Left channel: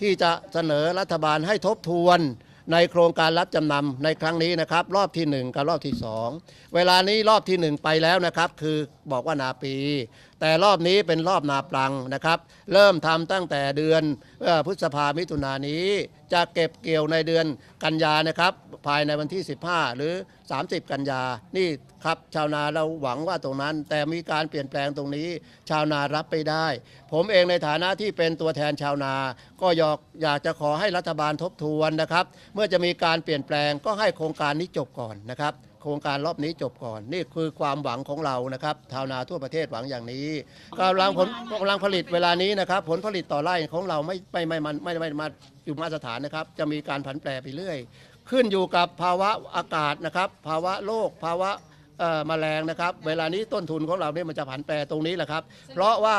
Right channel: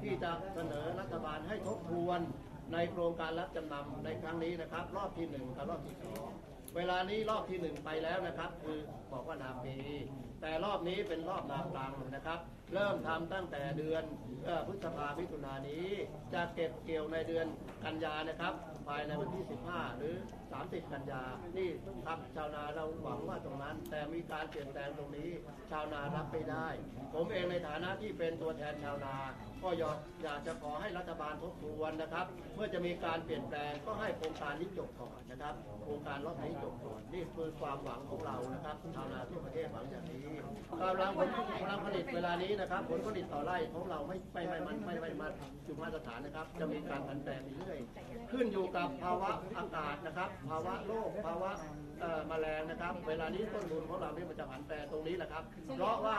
ที่จะเสนอรัฐบาลให้ทบทวนในโครงการรับจำนำในครั้งนี้นะครับ รอบทีหนึ่1 กับรอบที่ 2 เวลานี้รอบทีหนึ่1 ไปแล้วนะครับ คือบอกว่านาปีแต่รอบนี้เป็นรอบนาปลังนะครับ เริ่มทำตั้งแต่เดือนพฤษภามิถุนายนี้ จะเก็บเกี่ยวในเดือนกันยานะครับ ภายในวันที่ 15 หรือ 30 กันยา นี่ครับชาวนาเราหวังว่าตรงนั้น แต่มีการเปลี่ยนแปลงตรงนี้ ชาวนารับไม่ได้ ผมเองในฐานะที่เป็นตัวแทนชาวนา ก็อยากอยากจะขอให้รัฐบาลทบทวนนะครับ เมื่อจะมีการเปลี่ยนแปลงก็ให้โครงการนี้จบก่อนนะครับ โครงการรอบนี้จบก่อน นี่คือความหวังของเรานะครับชาวนาทั่วประเทศหวังอย่างนี้กำลังผลกำลังผลิตเวลานี้นะครับ ผลผลิตต่อไร่ของเราไม่ไม่ไม่มันไม่ไม่ไม่มาอยู่มาตรฐานนะครับ จะมีการผันแปรไปเรื่อย ขึ้นอยู่กับภาวะอากาศนะครับ ภาวะโลกภาวะแมลงนะครับ เวลานี้ต้นทุนของเราเนี่ยมันจะผันแปรตรงนี้แหละครับ เพราะว่า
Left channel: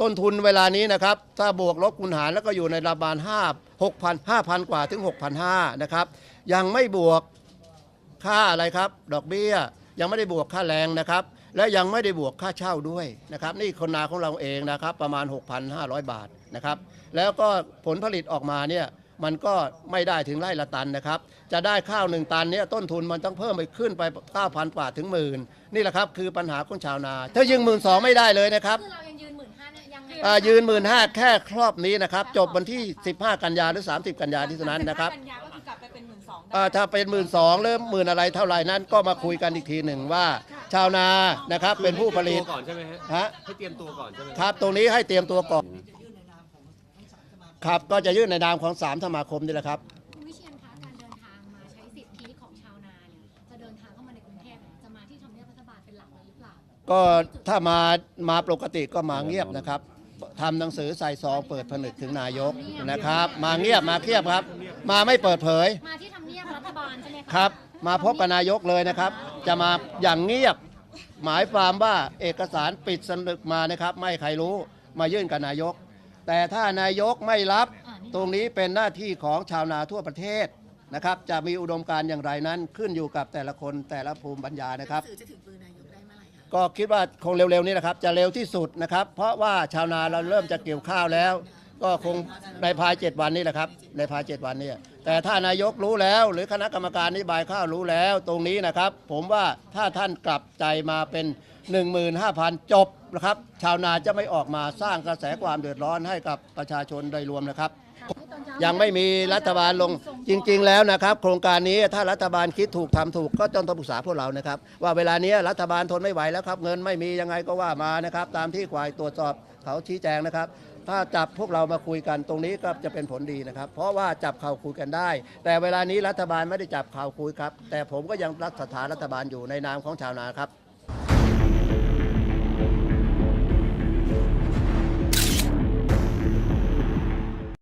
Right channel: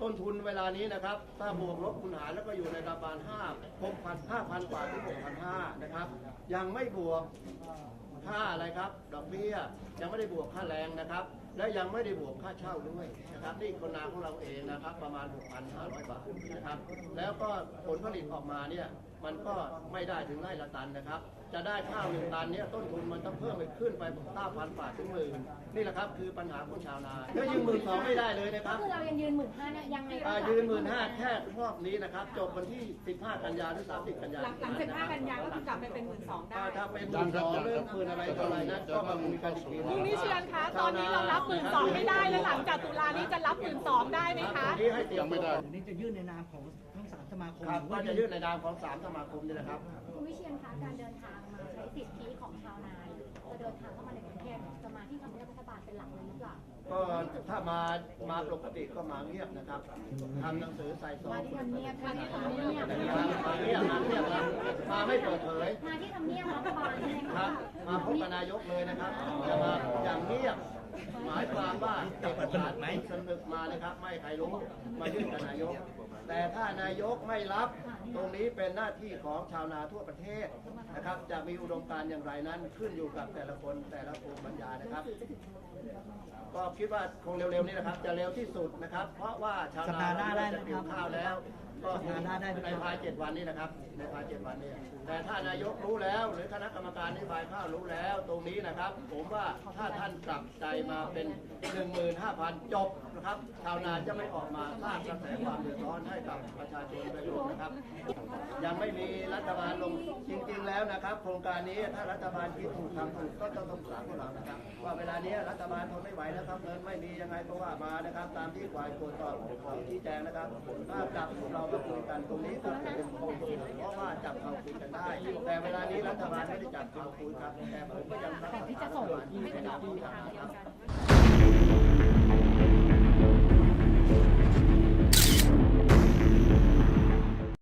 ต้นทุนเวลานี้นะครับ ถ้าบวกลบคูณหารแล้วก็อยู่ในระบาล5 6,000 5,000 กว่าถึง 6,500 นะครับ ยังไม่บวก ค่าอะไรครับ ดอกเบี้ย ยังไม่ได้บวกค่าแรงนะครับ และยังไม่ได้บวกค่าเช่าด้วยนะครับ นี่คนนาของเราเองนะครับ ประมาณ 6,500 บาทนะครับ แล้วก็ผลผลิตออกมาเนี่ย มันก็ไม่ได้ถึงไร่ละตันนะครับ จะได้ข้าวหนึ่งตันเนี่ยต้นทุนมันต้องเพิ่มไปขึ้นไป 9,000กว่าถึงหมื่นนี่แหละครับคือปัญหาของชาวนา ถ้ายิงหมื่นสองไม่ได้เลยนะครับคือเรายังยืนหมื่นห้าเนี่ยยังไงอ่ายืนหมื่นห้าแค่ครอบนี้นะครับ จบวันที่ 15 กันยาหรือ 30 กันยาที่นั้นนะครับกันยาก็คือกลับไปเป็นหมื่นสองอ่าถ้าเป็นหมื่นสองหรือหมื่นอะไรเท่าไหร่นั้นก็มาคุยกันอีกทีหนึ่งว่า ชาวนานะครับเป็นผู้ผลิตฮะจะรับหมื่นสองได้ไหมครับตรงนี้ให้เตรียมตัวก่อน คมครับ ก็จะยื่นในนามของ 3 สมาคมนี่แหละครับ คุณวิเชียนคะการเดินทางมาใช้สิทธิของชาวนาเนี่ยจะเดินทางเข้ามาในกรุงเทพเนี่ยจะมาที่ทำเนียบรัฐบาลเป็นหลักเลยหรือเปล่าก็ถ้ามามาปกติก็มาเงียบนะครับทำหนังสือใส่ซองเปิดผนึกถึงนายกนะครับ มาเงียบมาเงียบครับ มาไม่เปิดเผยมาที่ทำเนียบรัฐบาลใช่ไหมะครับ มาพบกับนายกเลยนะครับ จะมาอย่างเงียบ หมายความว่าเอกสารปิดสนึกมานะครับ ไม่ให้ใครรู้มายื่นกับนายก แต่ถ้านายกไม่รับตรงนี้เป็นหน้าที่ของชาวนาทั่วประเทศนะครับ จะมีอุดมการณ์อย่างไรนั้นขึ้นอยู่กับแต่ละคนแต่ละภูมิปัญญานะครับสื่อจะถึงมือนายกได้เมื่อไหร่อะก็คิดว่าคงเร็วๆนี้นะครับ จะเร็วที่สุดนะครับ เพราะว่าชาวนาเราเริ่มจะเกี่ยวข้าวแล้ว ก็คงในภายเจ็ดวันนี้แหละครับ ในภายเจ็ดวันนี้แต่ถ้านายกรู้แล้ว หรือคณะกรรมการนโยบายข้าวรู้แล้ว ตรงนี้นะครับ ผมว่าถ้าท่านกลับใจมาเป็น 15,000 จบนะครับ ชาวนาจะไม่ออกมาสร้างกระแสความเดือดร้อนให้กับประชาชนโดยรวมนะครับ ยังไม่มีรัฐบาลลงจริง ๆ แล้วนะครับ โครงการนี้ถ้ารัฐบาลคิดถูกทำถูกก็ต้องปรึกษาพวกเรานะครับ ว่าเวลานี้รัฐบาลทนไม่ไหวแล้วครับ เงินไม่มียังไงก็ว่ามานะครับ ตามที่ควายตรวจสอบเขาชี้แจงนะครับ ถ้าจับพวกเรามาคุยกันตรงนี้ก็จะเป็นผลดีนะครับ เพราะว่าจับข่าวคุยกันได้ แต่เวลานี้รัฐบาลไม่ได้จับข่าวคุยครับ แต่ผมก็ยังรักสถานรัฐบาลอยู่ในนามของชาวนาครับ